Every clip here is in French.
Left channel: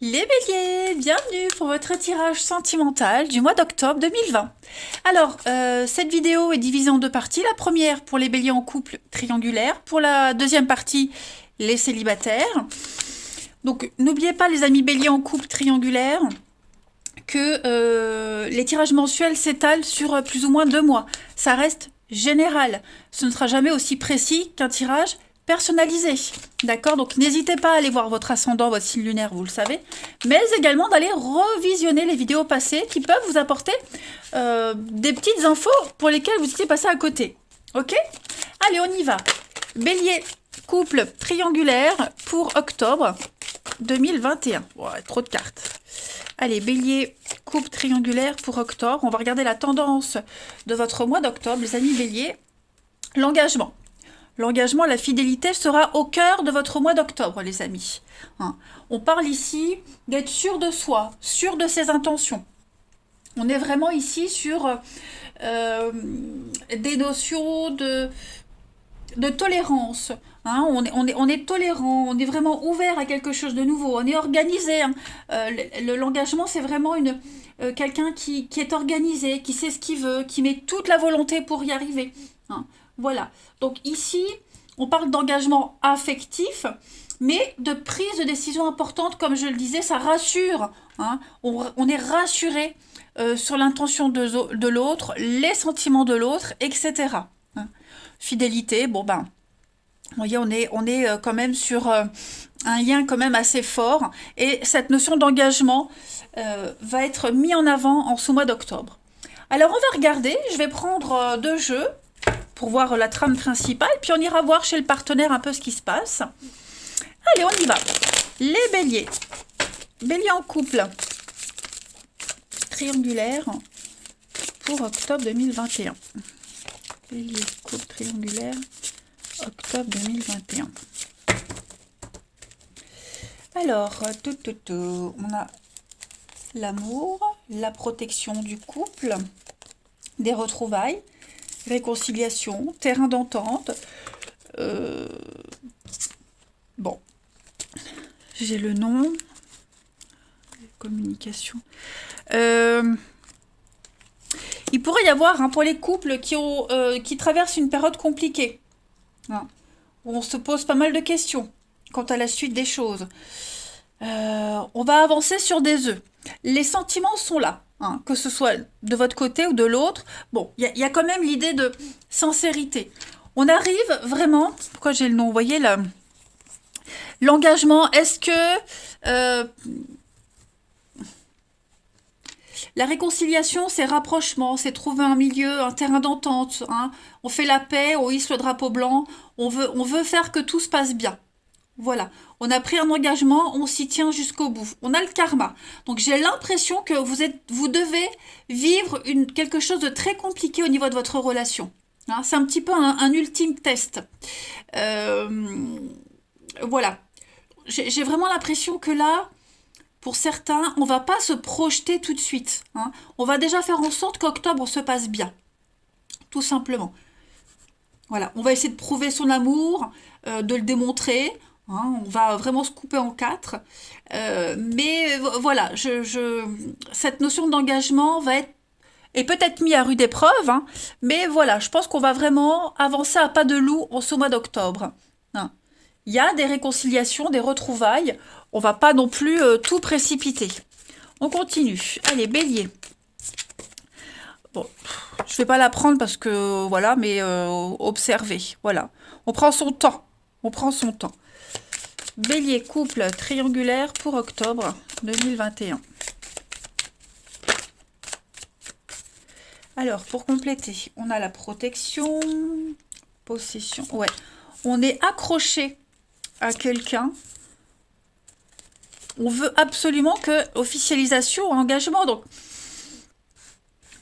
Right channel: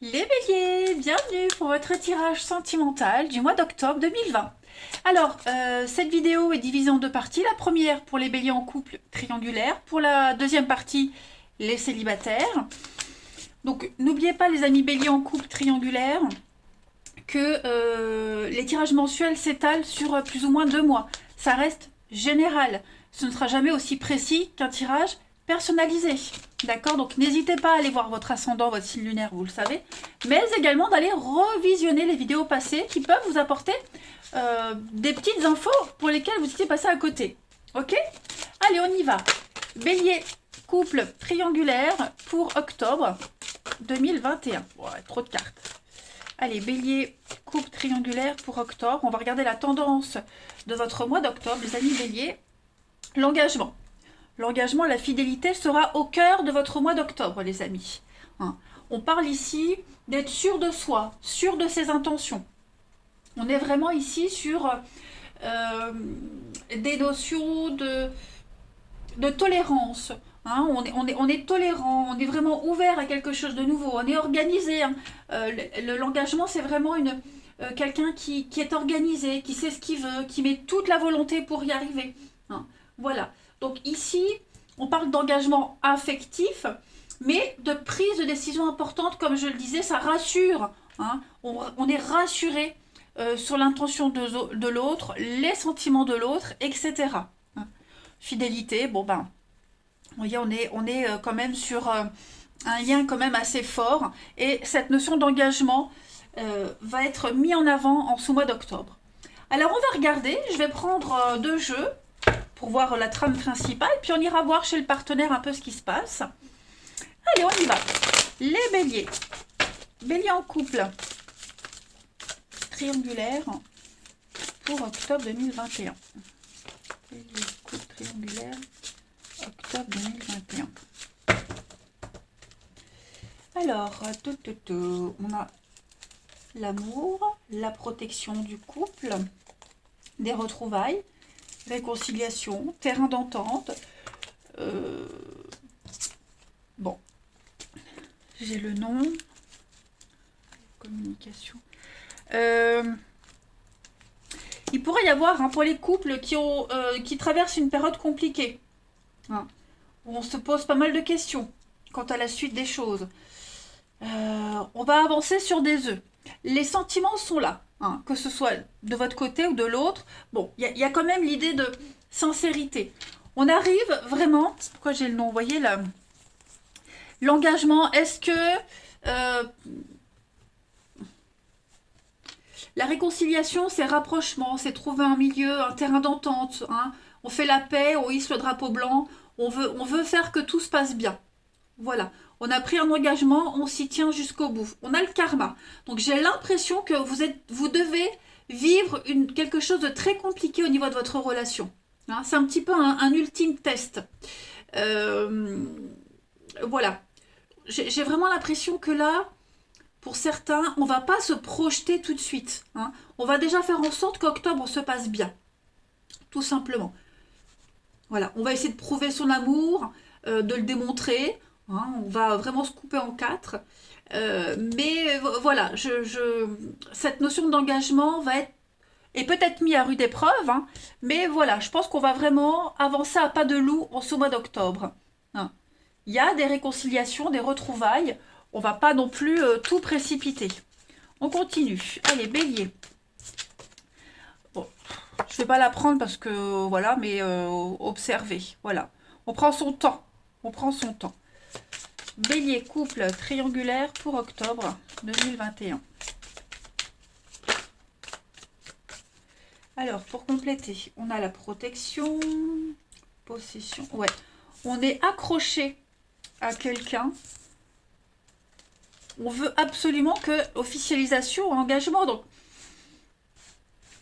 Les béliers, bienvenue pour votre tirage sentimental du mois d'octobre 2020. Alors, cette vidéo est divisée en deux parties. La première pour les béliers en couple triangulaire. Pour la deuxième partie, les célibataires. Donc, n'oubliez pas les amis béliers en couple triangulaire que les tirages mensuels s'étalent sur plus ou moins 2 mois. Ça reste général. Ce ne sera jamais aussi précis qu'un tirage personnalisé. D'accord? Donc n'hésitez pas à aller voir votre ascendant, votre signe lunaire, vous le savez, mais également d'aller revisionner les vidéos passées qui peuvent vous apporter des petites infos pour lesquelles vous étiez passé à côté. Ok? Allez, on y va. Bélier, couple triangulaire pour octobre 2021. Ouais, trop de cartes. Allez, bélier, couple triangulaire pour octobre. On va regarder la tendance de votre mois d'octobre, les amis béliers. L'engagement. L'engagement, la fidélité sera au cœur de votre mois d'octobre, les amis. Hein. On parle ici d'être sûr de soi, sûr de ses intentions. On est vraiment ici sur des notions de tolérance. Hein. On est tolérant, on est vraiment ouvert à quelque chose de nouveau, on est organisé. Hein. L'engagement, c'est vraiment quelqu'un qui est organisé, qui sait ce qu'il veut, qui met toute la volonté pour y arriver. Hein. Voilà. Donc ici, on parle d'engagement affectif, mais de prise de décision importante, comme je le disais, ça rassure. Hein. On est rassuré sur l'intention de l'autre, les sentiments de l'autre, etc. Hein. Fidélité, bon ben, vous voyez, on est quand même sur un lien quand même assez fort, et cette notion d'engagement va être mis en avant en ce mois d'octobre. Alors on va regarder, je vais prendre 2 jeux pour voir la trame principale, puis on ira voir chez le partenaire un peu ce qui se passe. Allez, on y va. Les béliers. Bélier en couple. Triangulaire pour octobre 2021. Bélier, couple triangulaire, octobre 2021. Alors, on a l'amour, la protection du couple, des retrouvailles, réconciliation, terrain d'entente. Bon, j'ai le nom. Communication. Il pourrait y avoir, hein, pour les couples qui traversent une période compliquée, hein, où on se pose pas mal de questions quant à la suite des choses. On va avancer sur des œufs. Les sentiments sont là. Hein, que ce soit de votre côté ou de l'autre, bon, il y a quand même l'idée de sincérité. On arrive vraiment, pourquoi j'ai le nom, vous voyez là, l'engagement, est-ce que la réconciliation, c'est rapprochement, c'est trouver un milieu, un terrain d'entente, hein, on fait la paix, on hisse le drapeau blanc, on veut faire que tout se passe bien. Voilà, on a pris un engagement, on s'y tient jusqu'au bout. On a le karma. Donc j'ai l'impression que vous devez vivre quelque chose de très compliqué au niveau de votre relation. Hein, c'est un petit peu un ultime test. Voilà. J'ai vraiment l'impression que là, pour certains, on ne va pas se projeter tout de suite. Hein. On va déjà faire en sorte qu'octobre se passe bien. Tout simplement. Voilà, on va essayer de prouver son amour, de le démontrer. Hein, on va vraiment se couper en 4. Mais voilà, cette notion d'engagement est peut-être mise à rude épreuve. Hein, mais voilà, je pense qu'on va vraiment avancer à pas de loup en ce mois d'octobre. Hein. Il y a des réconciliations, des retrouvailles. On va pas non plus tout précipiter. On continue. Allez, bélier. Bon, je vais pas la prendre parce que voilà, mais observez. Voilà, on prend son temps. On prend son temps. Bélier, couple triangulaire pour octobre 2021. Alors, pour compléter, on a la protection, possession. Ouais, on est accroché à quelqu'un. On veut absolument que officialisation, engagement. Donc,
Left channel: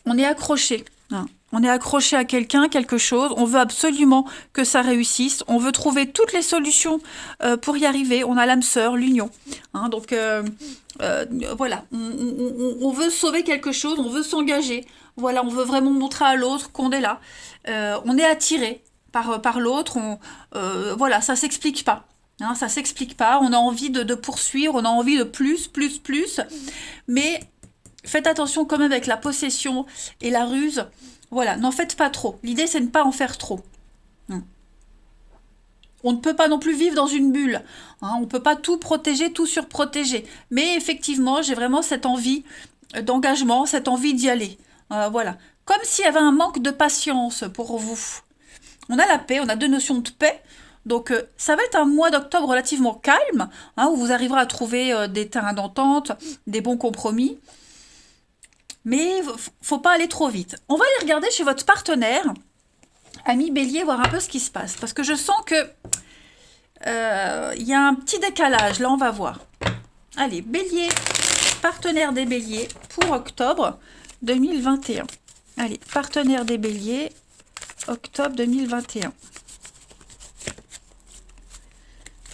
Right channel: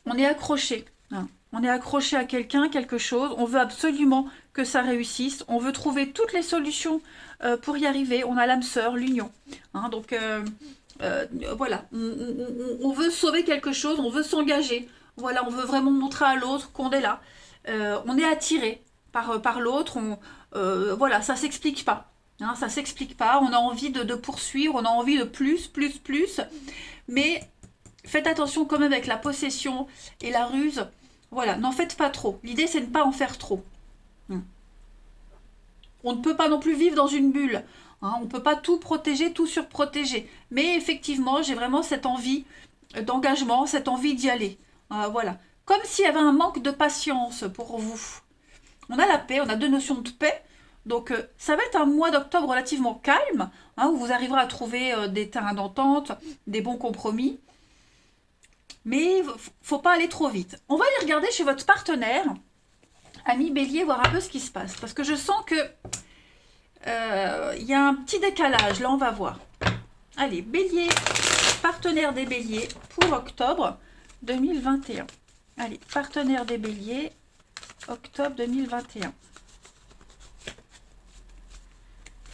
on est accroché. Hein. On est accroché à quelqu'un, quelque chose. On veut absolument que ça réussisse. On veut trouver toutes les solutions pour y arriver. On a l'âme sœur, l'union. Hein, donc, voilà. On veut sauver quelque chose. On veut s'engager. Voilà, on veut vraiment montrer à l'autre qu'on est là. On est attiré par l'autre. Voilà, ça s'explique pas. Hein, ça s'explique pas. On a envie de poursuivre, on a envie de plus, plus, plus. Mais faites attention quand même avec la possession et la ruse. Voilà, n'en faites pas trop. L'idée, c'est de ne pas en faire trop. On ne peut pas non plus vivre dans une bulle. Hein, on ne peut pas tout protéger, tout surprotéger. Mais effectivement, j'ai vraiment cette envie d'engagement, cette envie d'y aller. Voilà. Comme s'il y avait un manque de patience pour vous. On a la paix, on a deux notions de paix. Donc ça va être un mois d'octobre relativement calme, hein, où vous arriverez à trouver des terrains d'entente, des bons compromis. Mais faut pas aller trop vite. On va aller regarder chez votre partenaire, ami Bélier, voir un peu ce qui se passe. Parce que je sens que il y a un petit décalage. Là, on va voir. Allez, Bélier, partenaire des Béliers pour octobre 2021. Allez, partenaire des Béliers, octobre 2021.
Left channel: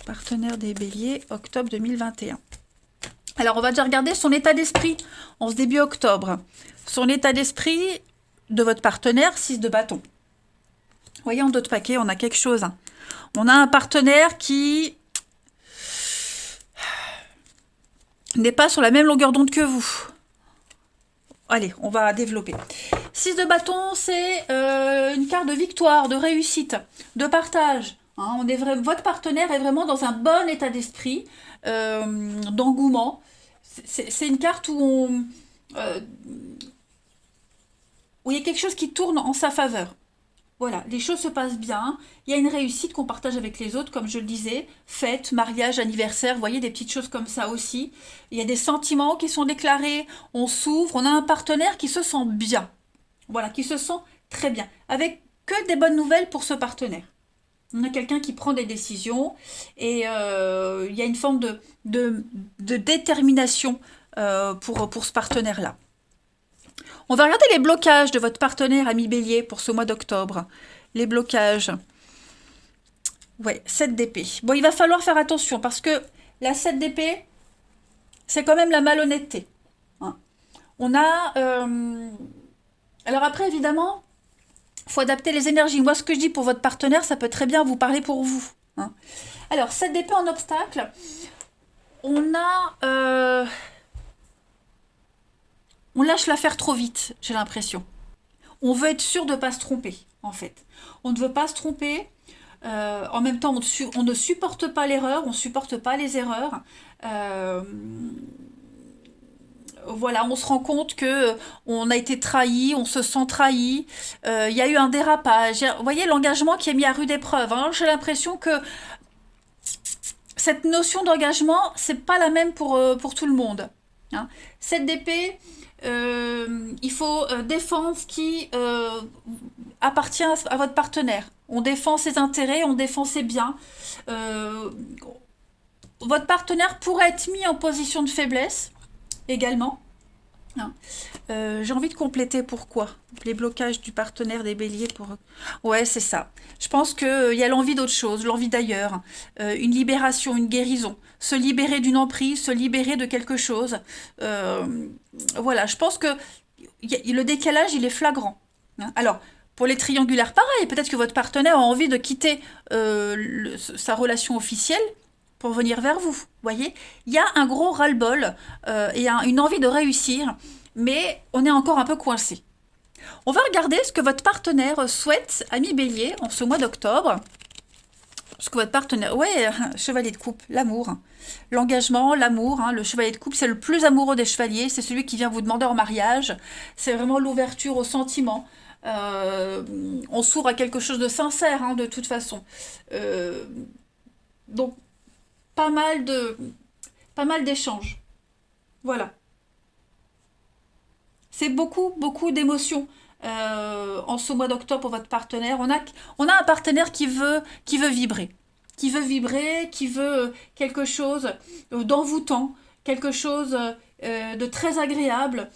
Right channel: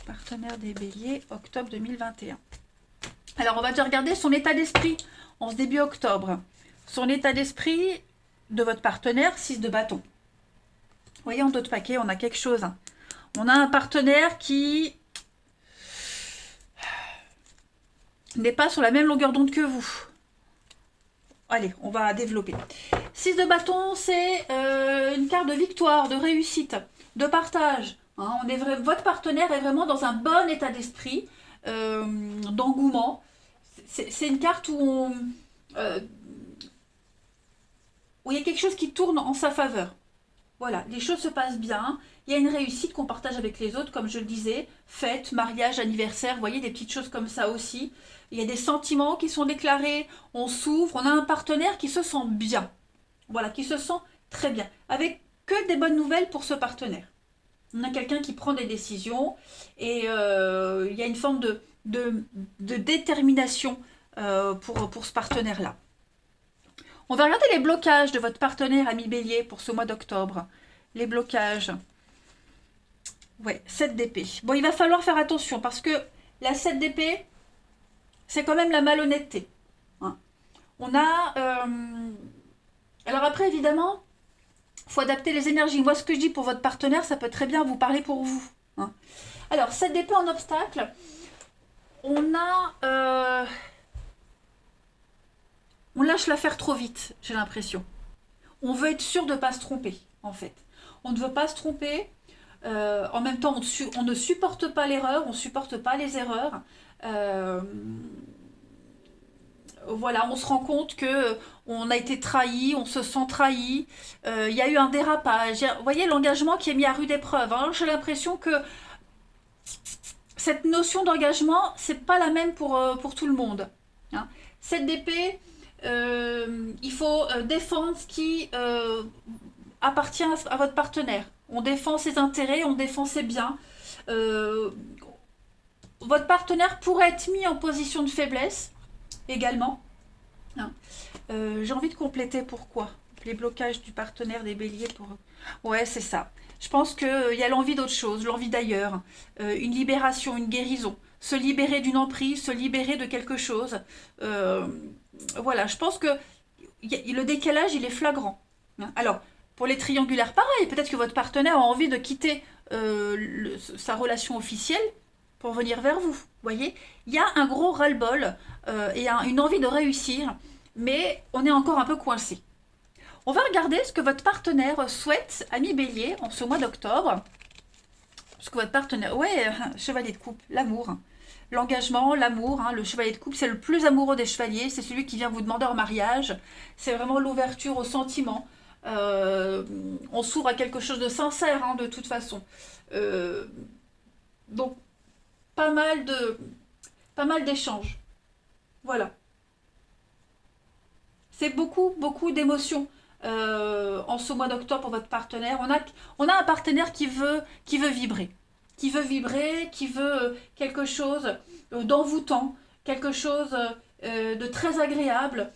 Partenaire des Béliers, octobre 2021. Alors, on va déjà regarder son état d'esprit en ce début octobre. Son état d'esprit de votre partenaire, 6 de bâton. Vous voyez, en dos de paquet, on a quelque chose. On a un partenaire qui n'est pas sur la même longueur d'onde que vous. Allez, on va développer. 6 de bâton, c'est une carte de victoire, de réussite, de partage. Hein, votre partenaire est vraiment dans un bon état d'esprit, d'engouement. C'est une carte où il y a quelque chose qui tourne en sa faveur. Voilà, les choses se passent bien. Il y a une réussite qu'on partage avec les autres, comme je le disais. Fête, mariage, anniversaire, vous voyez, des petites choses comme ça aussi. Il y a des sentiments qui sont déclarés, on s'ouvre, on a un partenaire qui se sent bien. Voilà, qui se sent très bien. Avec que des bonnes nouvelles pour ce partenaire. On a quelqu'un qui prend des décisions et il y a une forme de détermination pour ce partenaire-là. On va regarder les blocages de votre partenaire ami Bélier pour ce mois d'octobre. Les blocages. Ouais, 7 d'épée. Bon, il va falloir faire attention parce que la 7 d'épée, c'est quand même la malhonnêteté. Hein. On a... Alors après, évidemment, il faut adapter les énergies. Moi, ce que je dis pour votre partenaire, ça peut très bien vous parler pour vous. Hein. Alors, 7 d'épée en obstacle. On a... On lâche l'affaire trop vite, j'ai l'impression. On veut être sûr de ne pas se tromper, en fait. On ne veut pas se tromper. En même temps, on ne supporte pas l'erreur, on ne supporte pas les erreurs. Voilà, on se rend compte que on a été trahi, on se sent trahi. Il y a eu un dérapage. Vous voyez, l'engagement qui est mis à rude épreuve. Hein. J'ai l'impression que cette notion d'engagement, c'est pas la même pour tout le monde. Hein. Cette d'épée... il faut défendre ce qui appartient à votre partenaire. On défend ses intérêts, on défend ses biens. Votre partenaire pourrait être mis en position de faiblesse également. Hein. J'ai envie de compléter pourquoi. Les blocages du partenaire des béliers pour... Ouais, c'est ça. Je pense qu'il y a l'envie d'autre chose, l'envie d'ailleurs. Une libération, une guérison. Se libérer d'une emprise, se libérer de quelque chose. Voilà, je pense que le décalage, il est flagrant. Hein. Alors, pour les triangulaires, pareil. Peut-être que votre partenaire a envie de quitter sa relation officielle pour venir vers vous. Voyez, il y a un gros ras-le-bol et une envie de réussir, mais on est encore un peu coincé. On va regarder ce que votre partenaire souhaite, ami Bélier, en ce mois d'octobre. Ce que votre partenaire... Ouais, chevalier de coupe, l'amour. L'engagement, l'amour. Hein, le chevalier de coupe, c'est le plus amoureux des chevaliers. C'est celui qui vient vous demander en mariage. C'est vraiment l'ouverture aux sentiments. On s'ouvre à quelque chose de sincère, hein, de toute façon. Donc, pas mal d'échanges. Voilà. C'est beaucoup, beaucoup d'émotions en ce mois d'octobre pour votre partenaire. On a un partenaire qui veut vibrer. Qui veut quelque chose d'envoûtant, quelque chose de très agréable.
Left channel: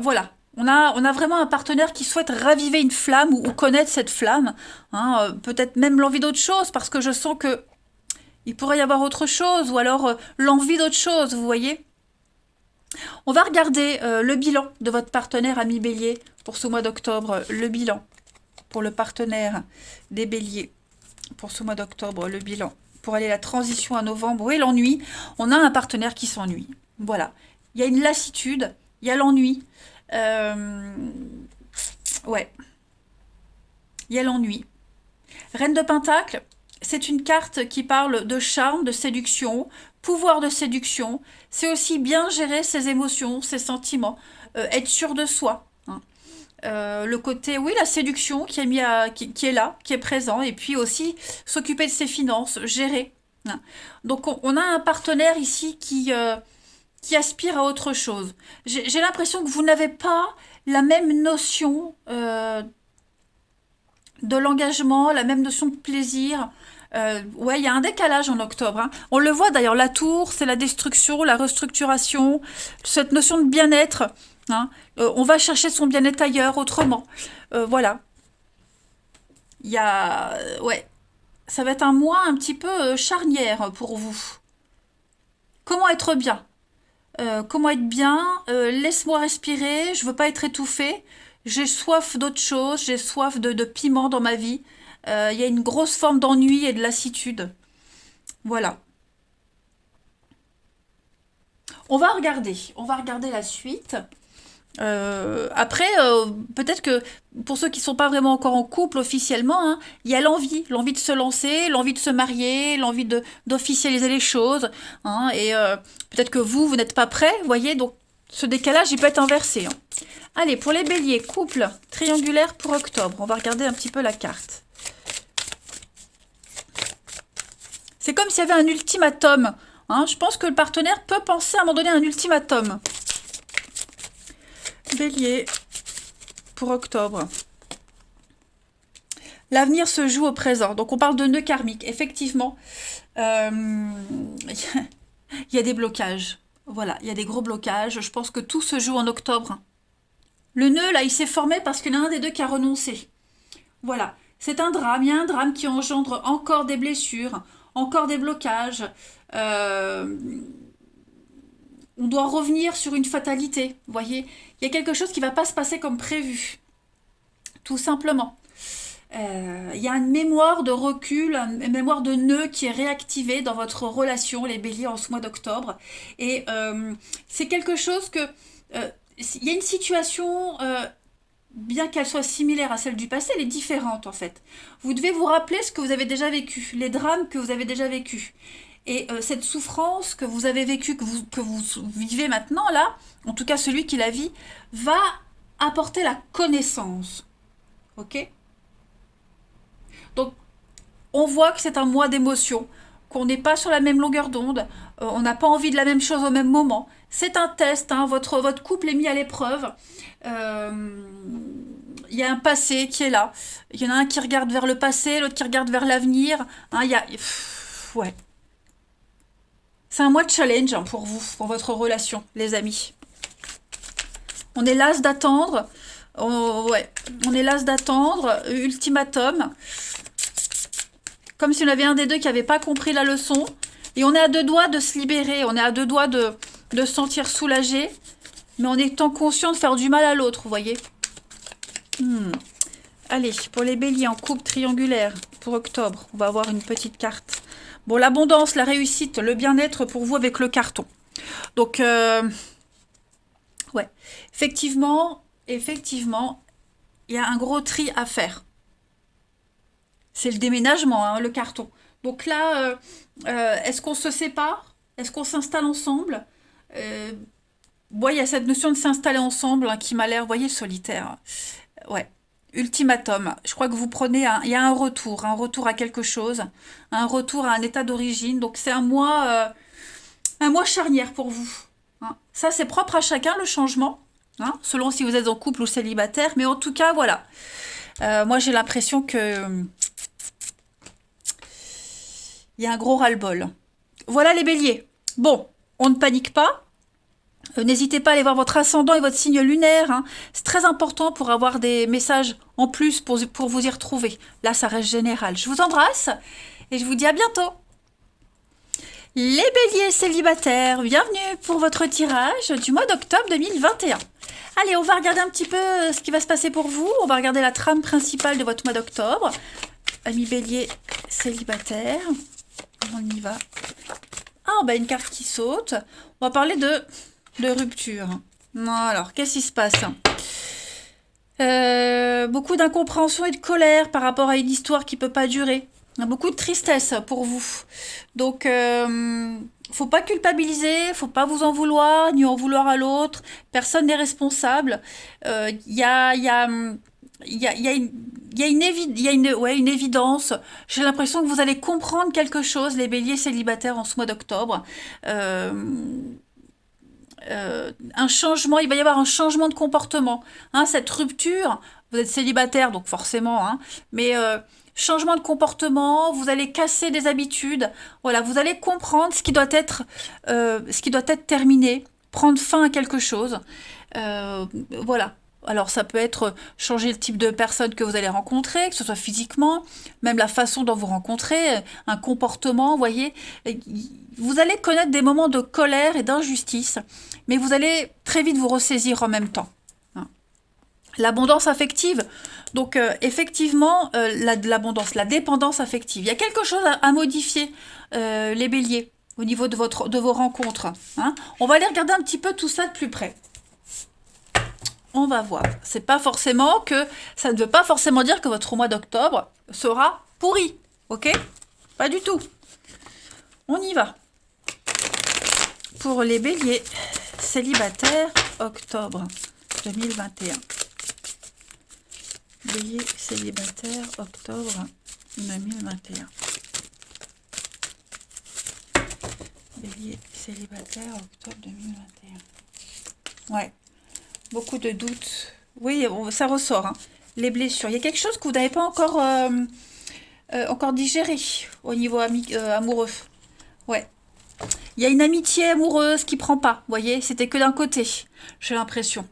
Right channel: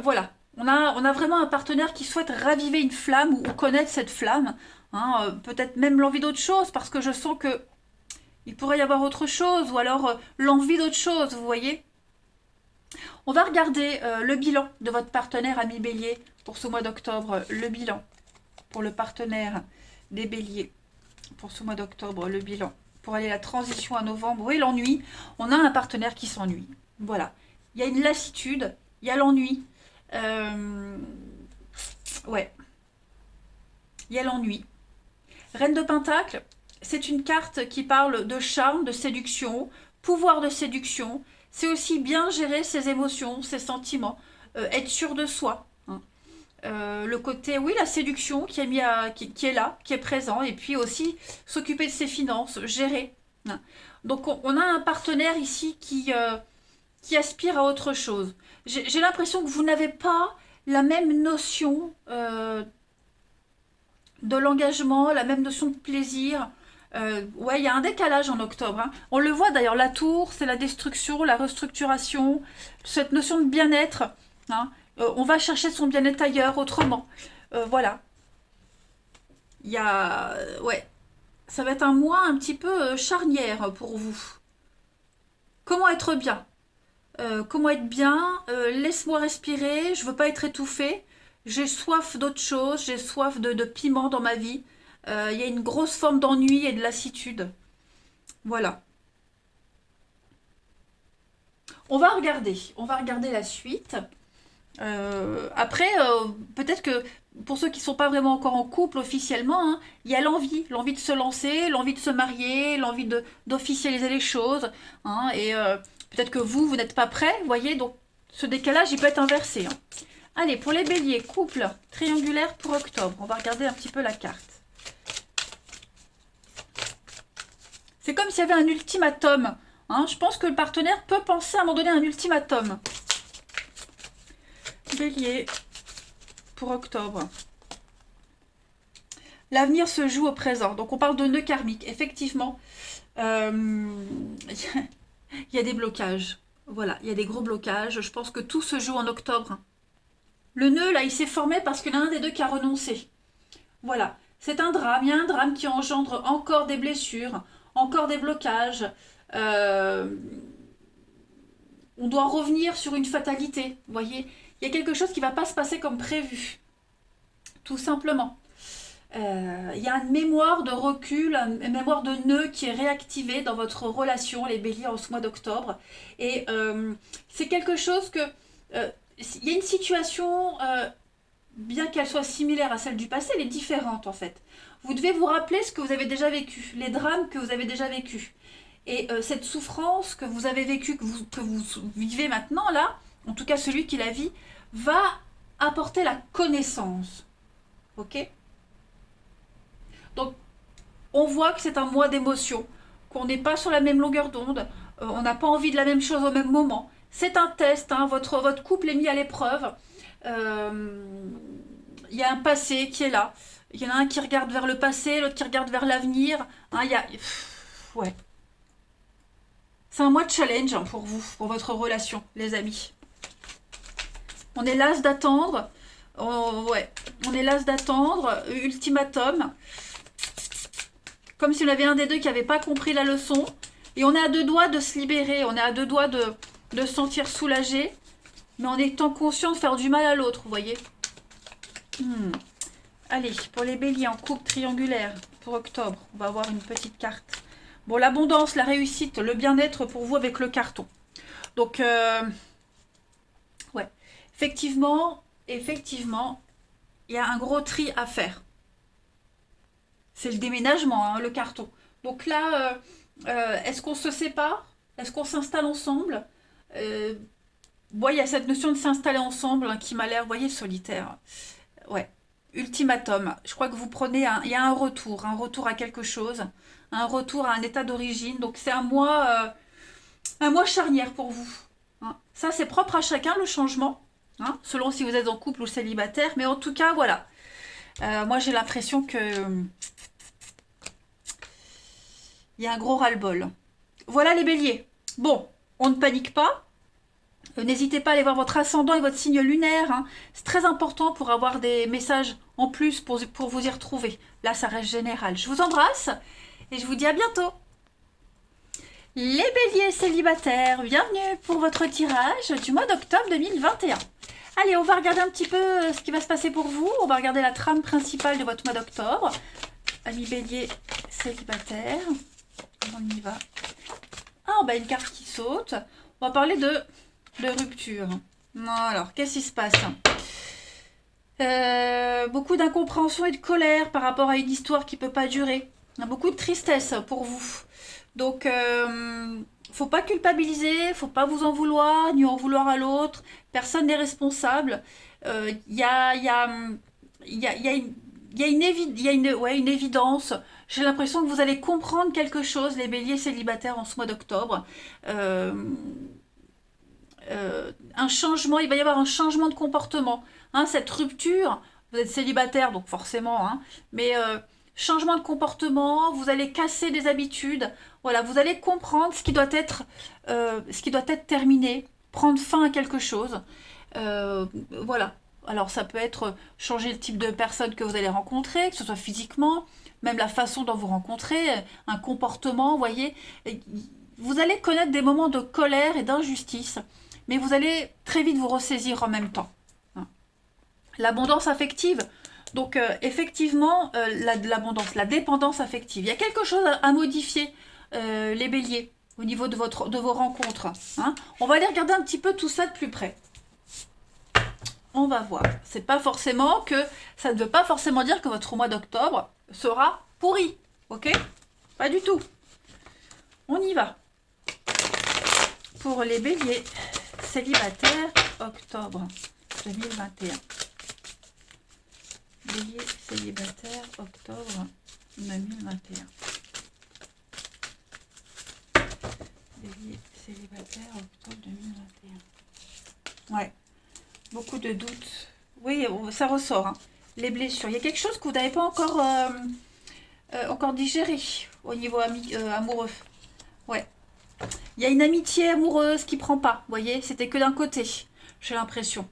Voilà. On a vraiment un partenaire qui souhaite raviver une flamme ou connaître cette flamme. Hein, peut-être même l'envie d'autre chose, parce que je sens que il pourrait y avoir autre chose, ou alors l'envie d'autre chose, vous voyez. On va regarder le bilan de votre partenaire ami Bélier pour ce mois d'octobre. Le bilan pour le partenaire des Béliers pour ce mois d'octobre. Le bilan. pour aller la transition à novembre et l'ennui. On a un partenaire qui s'ennuie. Voilà. Il y a une lassitude, il y a l'ennui. Ouais, il y a l'ennui. Reine de Pentacle, c'est une carte qui parle de charme, de séduction, pouvoir de séduction. C'est aussi bien gérer ses émotions, ses sentiments, être sûr de soi. Hein. Le côté, oui, la séduction qui est, qui est là, qui est présent, et puis aussi s'occuper de ses finances, gérer. Hein. Donc on a un partenaire ici qui aspire à autre chose. J'ai l'impression que vous n'avez pas la même notion de l'engagement, la même notion de plaisir. Ouais, il y a un décalage en octobre. Hein. On le voit d'ailleurs, la tour, c'est la destruction, la restructuration, cette notion de bien-être. Hein. On va chercher son bien-être ailleurs, autrement. Voilà. Il y a... ouais. Ça va être un mois un petit peu charnière pour vous. Comment être bien? Comment être bien? Laisse-moi respirer, je veux pas être étouffée. J'ai soif d'autre chose, j'ai soif de piment dans ma vie. Il y a une grosse forme d'ennui et de lassitude. Voilà. On va regarder la suite. Après, peut-être que pour ceux qui ne sont pas vraiment encore en couple officiellement, hein, il y a l'envie de se lancer, l'envie de se marier, l'envie d'officialiser les choses. Hein, et peut-être que vous n'êtes pas prêts, vous voyez, donc ce décalage, il peut être inversé. Hein. Allez, pour les béliers, couple triangulaire pour octobre, on va regarder un petit peu la carte. C'est comme s'il y avait un ultimatum. Hein, je pense que le partenaire peut penser à un moment donné à un ultimatum. Bélier pour octobre. L'avenir se joue au présent. Donc on parle de nœud karmique. Effectivement, il y a des blocages. Voilà, il y a des gros blocages. Je pense que tout se joue en octobre. Le nœud, là, il s'est formé parce qu'il y en a un des deux qui a renoncé. Voilà, c'est un drame. Il y a un drame qui engendre encore des blessures, encore des blocages. On doit revenir sur une fatalité, vous voyez. Il y a quelque chose qui ne va pas se passer comme prévu, tout simplement. Il y a une mémoire de recul, une mémoire de nœud qui est réactivée dans votre relation, les béliers, en ce mois d'octobre. Et c'est quelque chose que... il y a une situation, bien qu'elle soit similaire à celle du passé, elle est différente en fait. Vous devez vous rappeler ce que vous avez déjà vécu, les drames que vous avez déjà vécus. Et cette souffrance que vous avez vécue, que vous vivez maintenant, là, en tout cas celui qui la vit, va apporter la connaissance. Ok? Donc, on voit que c'est un mois d'émotion, qu'on n'est pas sur la même longueur d'onde, on n'a pas envie de la même chose au même moment. C'est un test, hein, votre couple est mis à l'épreuve. Il y a un passé qui est là. Il y en a un qui regarde vers le passé, l'autre qui regarde vers l'avenir. Hein, il y a... ouais. C'est un mois de challenge hein, pour vous, pour votre relation, les amis. On est las d'attendre. Ouais, on est las d'attendre. Ultimatum. Comme si on avait un des deux qui n'avait pas compris la leçon. Et on est à deux doigts de se libérer. On est à deux doigts de se sentir soulagé. Mais en étant conscient de faire du mal à l'autre, vous voyez. Allez, pour les béliers en couple triangulaire, pour octobre, on va avoir une petite carte. Bon, l'abondance, la réussite, le bien-être pour vous avec le carton. Donc, ouais. Effectivement, il y a un gros tri à faire. C'est le déménagement, hein, le carton. Donc là, est-ce qu'on se sépare? Est-ce qu'on s'installe ensemble? Bon, il y a cette notion de s'installer ensemble hein, qui m'a l'air, vous voyez, solitaire. Ouais. Ultimatum. Je crois que vous prenez il y a un retour à quelque chose, un retour à un état d'origine. Donc c'est un mois charnière pour vous. Hein. Ça, c'est propre à chacun le changement, hein, selon si vous êtes en couple ou célibataire. Mais en tout cas, voilà. Moi, j'ai l'impression que il y a un gros ras-le-bol. Voilà les béliers. Bon, on ne panique pas. N'hésitez pas à aller voir votre ascendant et votre signe lunaire. Hein. C'est très important pour avoir des messages en plus pour vous y retrouver. Là, ça reste général. Je vous embrasse et je vous dis à bientôt. Les béliers célibataires, bienvenue pour votre tirage du mois d'octobre 2021. Allez, on va regarder un petit peu ce qui va se passer pour vous. On va regarder la trame principale de votre mois d'octobre. Amis béliers célibataires. On y va. Ah, bah une carte qui saute. On va parler de rupture. Alors, qu'est-ce qui se passe? Beaucoup d'incompréhension et de colère par rapport à une histoire qui peut pas durer. Beaucoup de tristesse pour vous. Donc, faut pas culpabiliser, faut pas vous en vouloir, ni en vouloir à l'autre. Personne n'est responsable. Il y a une, ouais, une évidence. J'ai l'impression que vous allez comprendre quelque chose, les béliers célibataires, en ce mois d'octobre. Euh, un changement, il va y avoir un changement de comportement. Hein, cette rupture, vous êtes célibataire, donc forcément, hein, mais changement de comportement, vous allez casser des habitudes. Voilà, vous allez comprendre ce qui doit être terminé, prendre fin à quelque chose. Voilà. Alors ça peut être changer le type de personne que vous allez rencontrer, que ce soit physiquement, même la façon dont vous rencontrez, un comportement, vous voyez. Vous allez connaître des moments de colère et d'injustice, mais vous allez très vite vous ressaisir en même temps. Hein. L'abondance affective, donc effectivement, l'abondance, la dépendance affective. Il y a quelque chose à modifier, les béliers, au niveau de vos rencontres. Hein. On va aller regarder un petit peu tout ça de plus près. On va voir. C'est pas forcément que ça ne veut pas forcément dire que votre mois d'octobre sera pourri, ok? Pas du tout. On y va. Pour les béliers célibataires, octobre 2021. Bélier célibataire, octobre 2021. Bélier célibataire, octobre 2021. Ouais. Beaucoup de doutes. Oui, ça ressort. Hein. Les blessures. Il y a quelque chose que vous n'avez pas encore digéré au niveau amoureux. Ouais. Il y a une amitié amoureuse qui prend pas. Vous voyez, c'était que d'un côté. J'ai l'impression.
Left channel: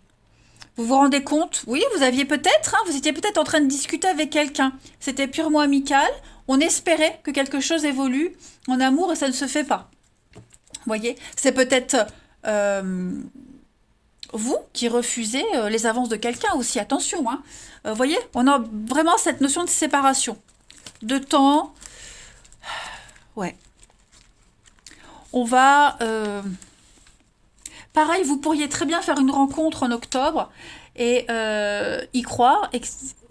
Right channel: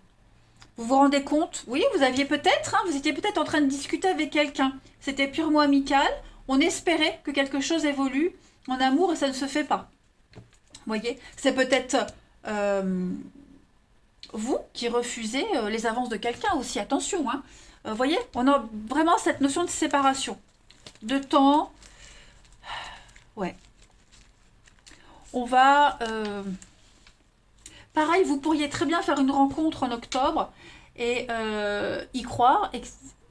Vous vous rendez compte? Oui, vous aviez peut-être, hein, vous étiez peut-être en train de discuter avec quelqu'un. C'était purement amical. On espérait que quelque chose évolue en amour et ça ne se fait pas. Vous voyez, c'est peut-être vous qui refusez les avances de quelqu'un aussi. Attention, hein. Voyez, on a vraiment cette notion de séparation. De temps. Ouais. On va... pareil, vous pourriez très bien faire une rencontre en octobre et y croire. Et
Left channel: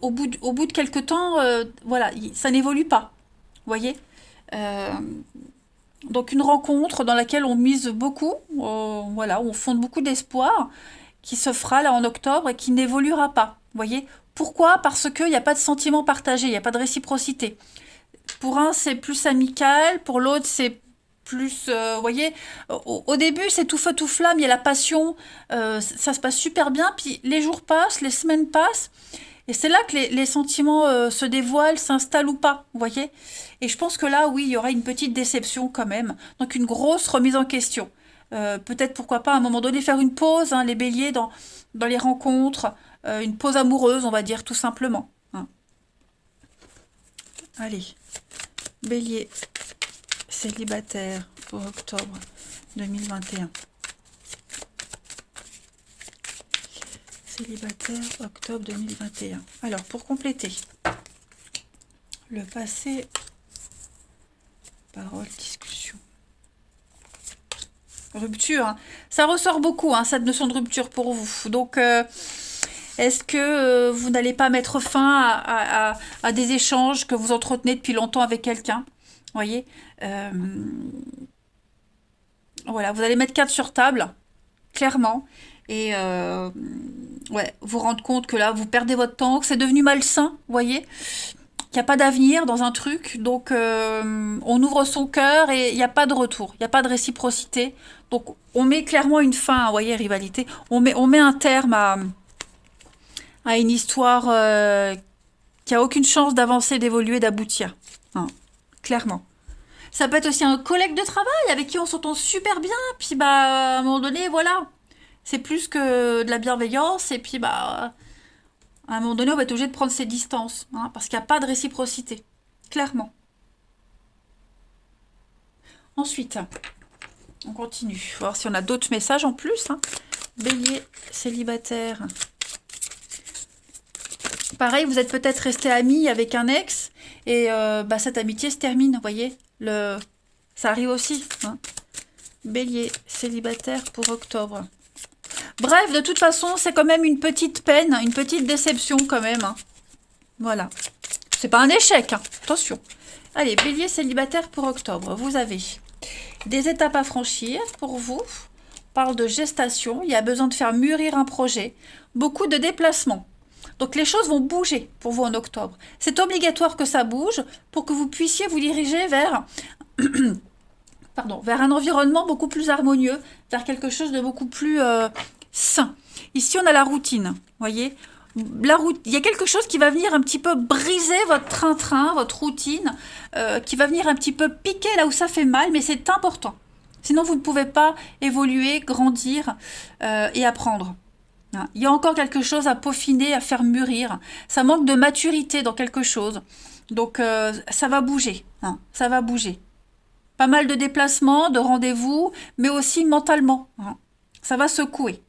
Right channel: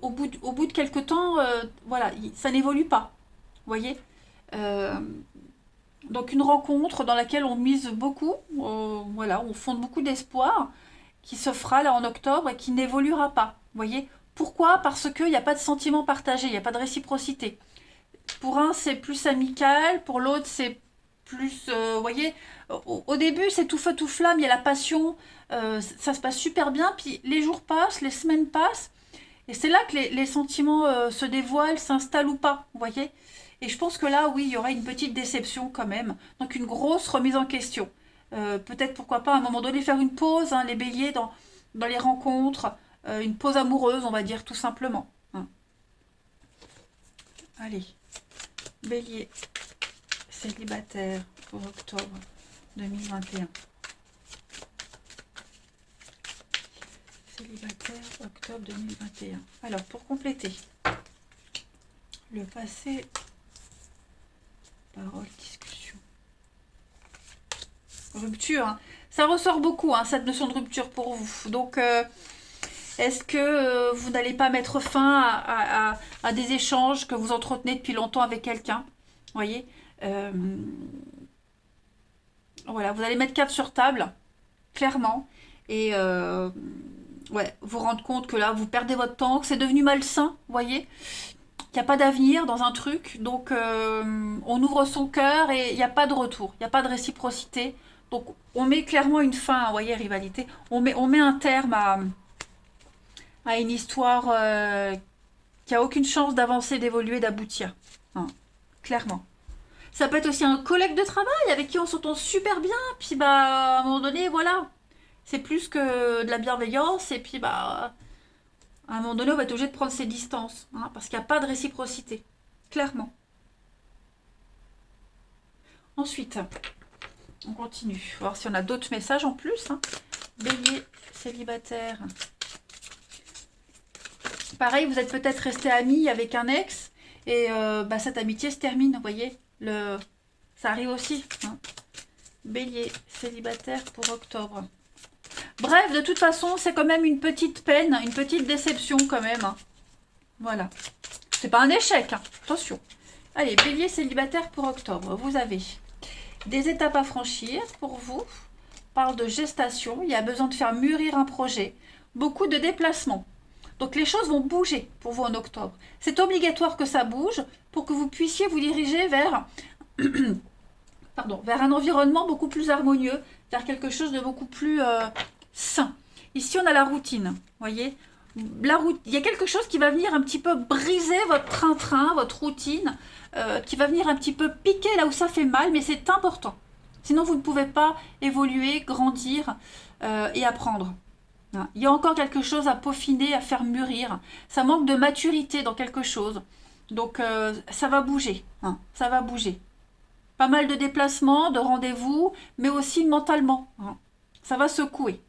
au bout de quelques temps, voilà, ça n'évolue pas. Vous voyez donc une rencontre dans laquelle on mise beaucoup, voilà, on fonde beaucoup d'espoir, qui se fera là en octobre et qui n'évoluera pas. Vous voyez pourquoi? Parce qu'il n'y a pas de sentiment partagé, il n'y a pas de réciprocité. Pour un, c'est plus amical, pour l'autre, c'est plus, vous voyez, au début, c'est tout feu, tout flamme, il y a la passion, ça se passe super bien, puis les jours passent, les semaines passent, et c'est là que les sentiments se dévoilent, s'installent ou pas, vous voyez. Et je pense que là, oui, il y aura une petite déception quand même, donc une grosse remise en question. Peut-être, pourquoi pas, à un moment donné, faire une pause, hein, les béliers, dans les rencontres, une pause amoureuse, on va dire, tout simplement. Hein. Allez, bélier célibataire pour octobre 2021. Célibataire, octobre 2021. Alors, pour compléter, le passé, parole, discussion. Rupture, hein. Ça ressort beaucoup, hein, cette notion de rupture pour vous. Donc, est-ce que vous n'allez pas mettre fin à des échanges que vous entretenez depuis longtemps avec quelqu'un? Vous voyez voilà, vous allez mettre carte sur table, clairement, et ouais, vous rendre compte que là, vous perdez votre temps, que c'est devenu malsain, vous voyez, qu'il n'y a pas d'avenir dans un truc, donc on ouvre son cœur et il n'y a pas de retour, il n'y a pas de réciprocité, donc on met clairement une fin, vous voyez, rivalité, on met un terme à une histoire qui a aucune chance d'avancer, d'évoluer, d'aboutir, hein, clairement. Ça peut être aussi un collègue de travail avec qui on s'entend super bien, puis bah à un moment donné, voilà, c'est plus que de la bienveillance, et puis bah à un moment donné, on va être obligé de prendre ses distances, hein, parce qu'il n'y a pas de réciprocité, clairement. Ensuite, on continue. On va voir si on a d'autres messages en plus. Hein. Bélier, célibataire. Pareil, vous êtes peut-être resté ami avec un ex, et bah, cette amitié se termine, vous voyez. Ça arrive aussi. Hein. Bélier, célibataire pour octobre. Bref, de toute façon, c'est quand même une petite peine, une petite déception quand même. Hein. Voilà. C'est pas un échec, hein. Attention. Allez, bélier, célibataire pour octobre. Vous avez des étapes à franchir pour vous. On parle de gestation. Il y a besoin de faire mûrir un projet. Beaucoup de déplacements. Donc les choses vont bouger pour vous en octobre. C'est obligatoire que ça bouge pour que vous puissiez vous diriger vers, vers un environnement beaucoup plus harmonieux, vers quelque chose de beaucoup plus sain. Ici, on a la routine, voyez. Il y a quelque chose qui va venir un petit peu briser votre train-train, votre routine, qui va venir un petit peu piquer là où ça fait mal, mais c'est important. Sinon, vous ne pouvez pas évoluer, grandir et apprendre. Il y a encore quelque chose à peaufiner, à faire mûrir. Ça manque de maturité dans quelque chose. Donc, ça va bouger. Hein, ça va bouger. Pas mal de déplacements, de rendez-vous, mais aussi mentalement. Hein, ça va secouer.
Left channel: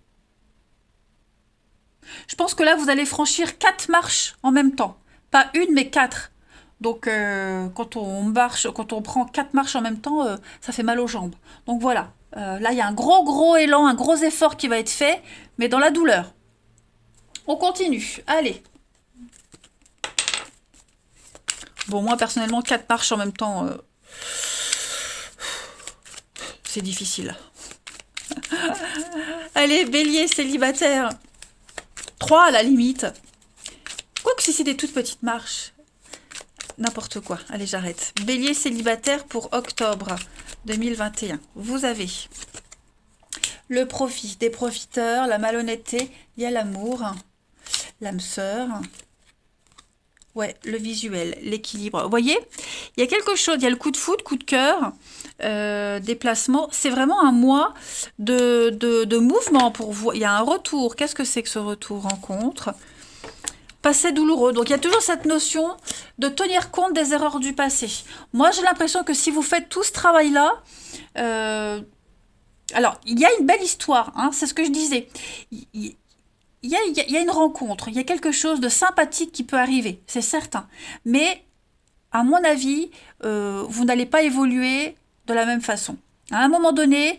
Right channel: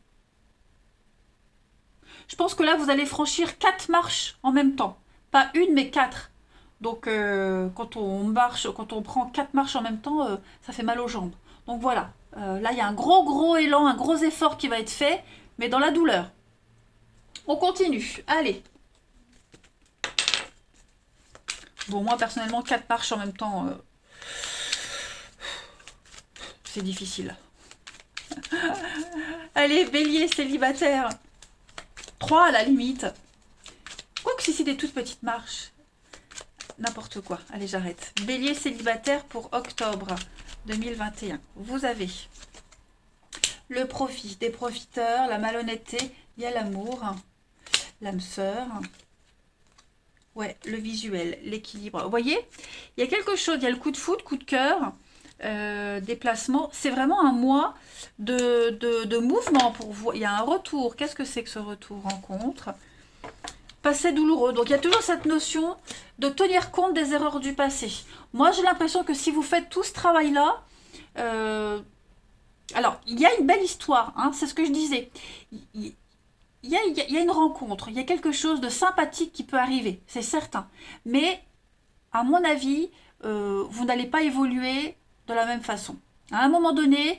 Je pense que là, vous allez franchir 4 marches en même temps. Pas une, mais 4. Donc, quand on prend 4 marches en même temps, ça fait mal aux jambes. Donc voilà. Là, il y a un gros élan, un gros effort qui va être fait, mais dans la douleur. On continue. Allez. Bon, moi, personnellement, 4 marches en même temps, c'est difficile. Allez, bélier, célibataire. 3 à la limite. Quoique si c'est des toutes petites marches. N'importe quoi. Allez, j'arrête. Bélier, célibataire pour octobre 2021. Vous avez le profit, des profiteurs, la malhonnêteté, il y a l'amour, l'âme sœur, ouais, le visuel, l'équilibre. Vous voyez, il y a quelque chose, il y a le coup de foudre, coup de cœur, déplacement. C'est vraiment un mois de mouvement pour vous. Il y a un retour. Qu'est-ce que c'est que ce retour? Rencontre. Passé douloureux. Donc, il y a toujours cette notion de tenir compte des erreurs du passé. Moi, j'ai l'impression que si vous faites tout ce travail-là, alors, il y a une belle histoire, hein, c'est ce que je disais. Il y a une rencontre, il y a quelque chose de sympathique qui peut arriver, c'est certain. Mais, à mon avis, vous n'allez pas évoluer de la même façon. À un moment donné,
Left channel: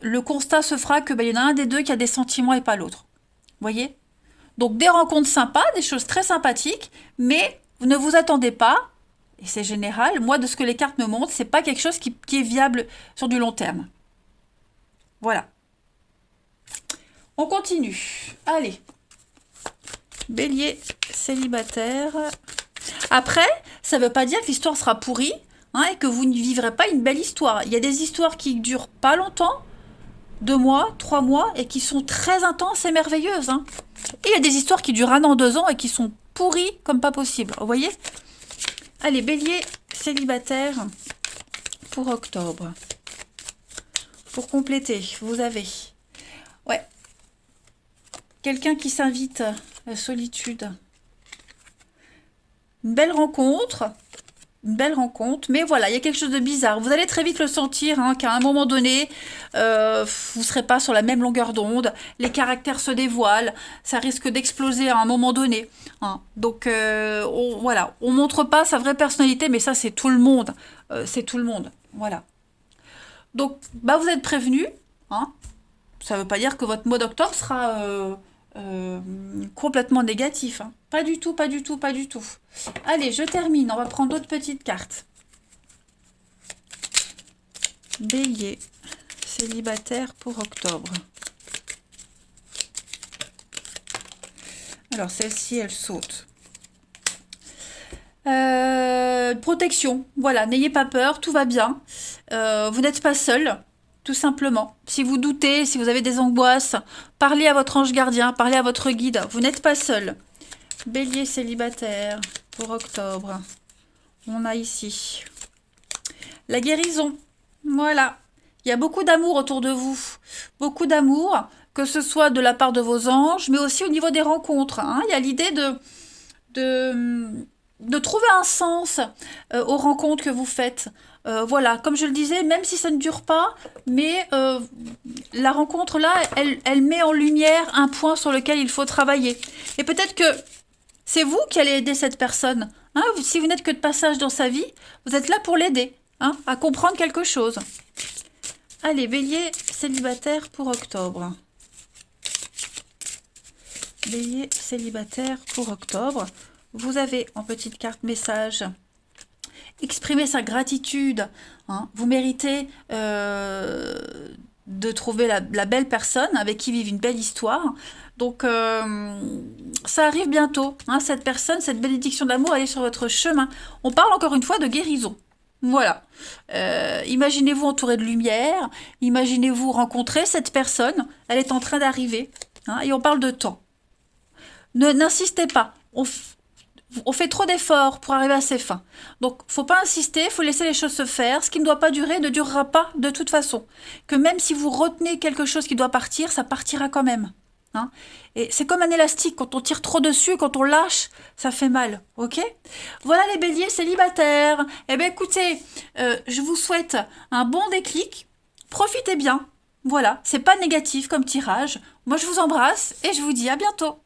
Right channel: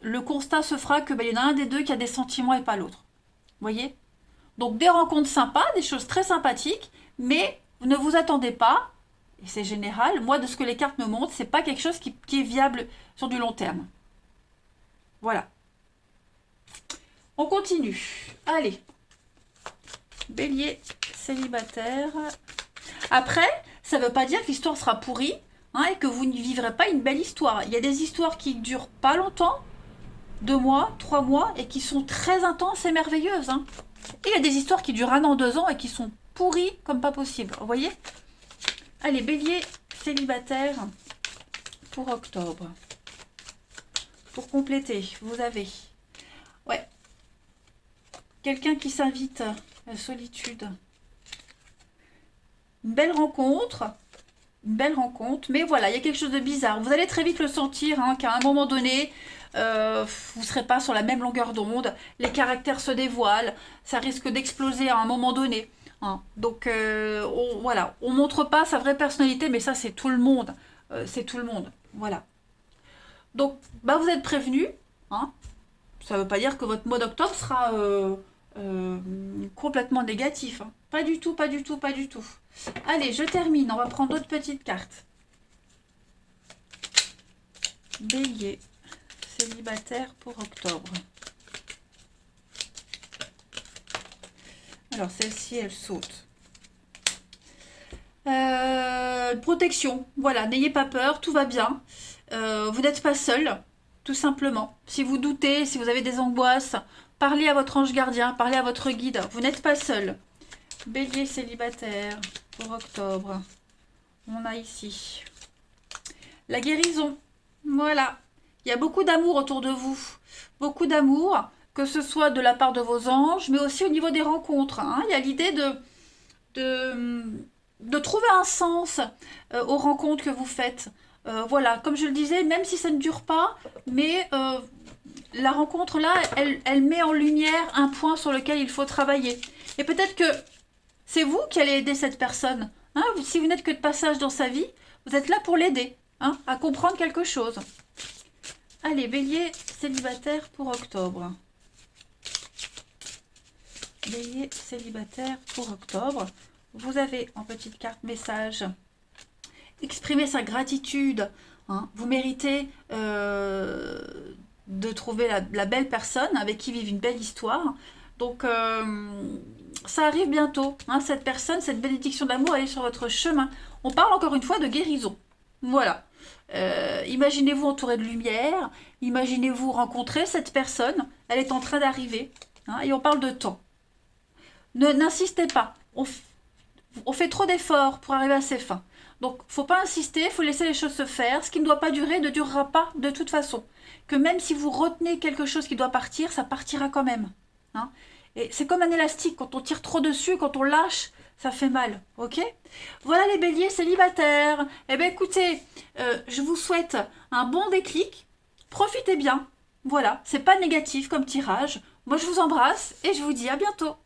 le constat se fera que il y en a un des deux qui a des sentiments et pas l'autre. Vous voyez? Donc, des rencontres sympas, des choses très sympathiques, mais vous ne vous attendez pas, et c'est général, moi, de ce que les cartes me montrent, c'est pas quelque chose qui est viable sur du long terme. Voilà. On continue. Allez. Bélier, célibataire. Après, ça ne veut pas dire que l'histoire sera pourrie, hein, et que vous ne vivrez pas une belle histoire. Il y a des histoires qui durent pas longtemps, 2 mois, 3 mois, et qui sont très intenses et merveilleuses. Hein. Et il y a des histoires qui durent 1 an, 2 ans, et qui sont pourries comme pas possible. Vous voyez? Allez, bélier, célibataire pour octobre. Pour compléter, vous avez quelqu'un qui s'invite à la solitude. Une belle rencontre, mais voilà, il y a quelque chose de bizarre. Vous allez très vite le sentir, hein, qu'à un moment donné, vous ne serez pas sur la même longueur d'onde, les caractères se dévoilent, ça risque d'exploser à un moment donné. Hein. Donc voilà, on ne montre pas sa vraie personnalité, mais ça c'est tout le monde. C'est tout le monde, voilà. Donc, vous êtes prévenus. Hein. Ça ne veut pas dire que votre mois d'octobre sera complètement négatif. Hein. Pas du tout, pas du tout, pas du tout. Allez, je termine. On va prendre d'autres petites cartes. Bélier, célibataire pour octobre. Alors, celle-ci, elle saute. Protection, voilà, n'ayez pas peur, tout va bien. Vous n'êtes pas seul, tout simplement. Si vous doutez, si vous avez des angoisses, parlez à votre ange gardien, parlez à votre guide, vous n'êtes pas seul. Bélier célibataire pour octobre. On a ici la guérison, voilà. Il y a beaucoup d'amour autour de vous, beaucoup d'amour, que ce soit de la part de vos anges, mais aussi au niveau des rencontres. Hein. Il y a l'idée de trouver un sens aux rencontres que vous faites. Voilà, comme je le disais, même si ça ne dure pas, mais la rencontre là, elle met en lumière un point sur lequel il faut travailler. Et peut-être que c'est vous qui allez aider cette personne. Hein, si vous n'êtes que de passage dans sa vie, vous êtes là pour l'aider. hein, à comprendre quelque chose. Allez, Bélier célibataire pour octobre. Bélier célibataire pour octobre. Vous avez en petite carte message exprimer sa gratitude. Hein. Vous méritez de trouver la belle personne avec qui vivre une belle histoire. Donc, ça arrive bientôt. Hein, cette personne, cette bénédiction d'amour, elle est sur votre chemin. On parle encore une fois de guérison. Voilà. Imaginez-vous entouré de lumière. Imaginez-vous rencontrer cette personne. Elle est en train d'arriver. Hein, et on parle de temps. N'insistez pas. On fait trop d'efforts pour arriver à ses fins. Donc, faut pas insister, faut laisser les choses se faire. Ce qui ne doit pas durer ne durera pas de toute façon. Que même si vous retenez quelque chose qui doit partir, ça partira quand même. Hein. Et c'est comme un élastique, quand on tire trop dessus, quand on lâche, ça fait mal, ok? Voilà les béliers célibataires. Eh bien écoutez, je vous souhaite un bon déclic. Profitez bien. Voilà, c'est pas négatif comme tirage. Moi je vous embrasse et je vous dis à bientôt.